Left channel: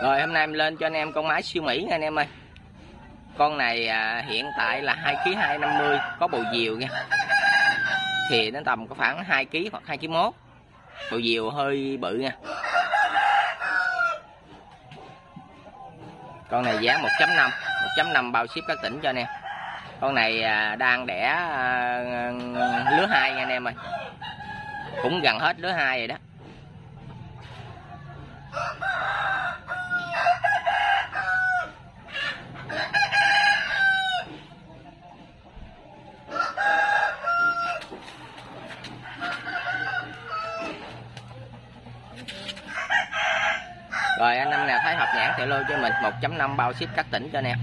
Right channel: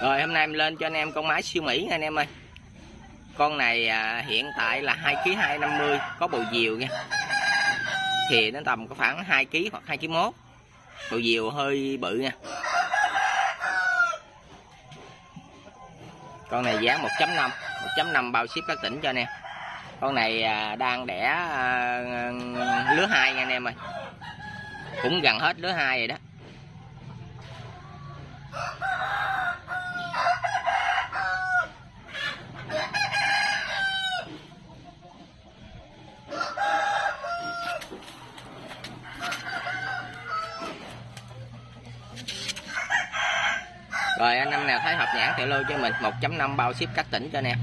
Rồi hôm nay em lên cho anh em con mái siêu Mỹ nha anh em ơi. Con này hiện tại là 2 kg 250, có bầu diều nha. Thì nó tầm có khoảng 2 kg hoặc 2 kg mốt. Bầu diều hơi bự nha. Con này giá 1.5, 1.5 bao ship các tỉnh cho anh em. Con này đang đẻ lứa 2 nha anh em ơi. Cũng gần hết lứa 2 rồi đó. Rồi anh em nào thấy hợp nhãn thì lô cho mình 1.5 bao ship các tỉnh cho anh em.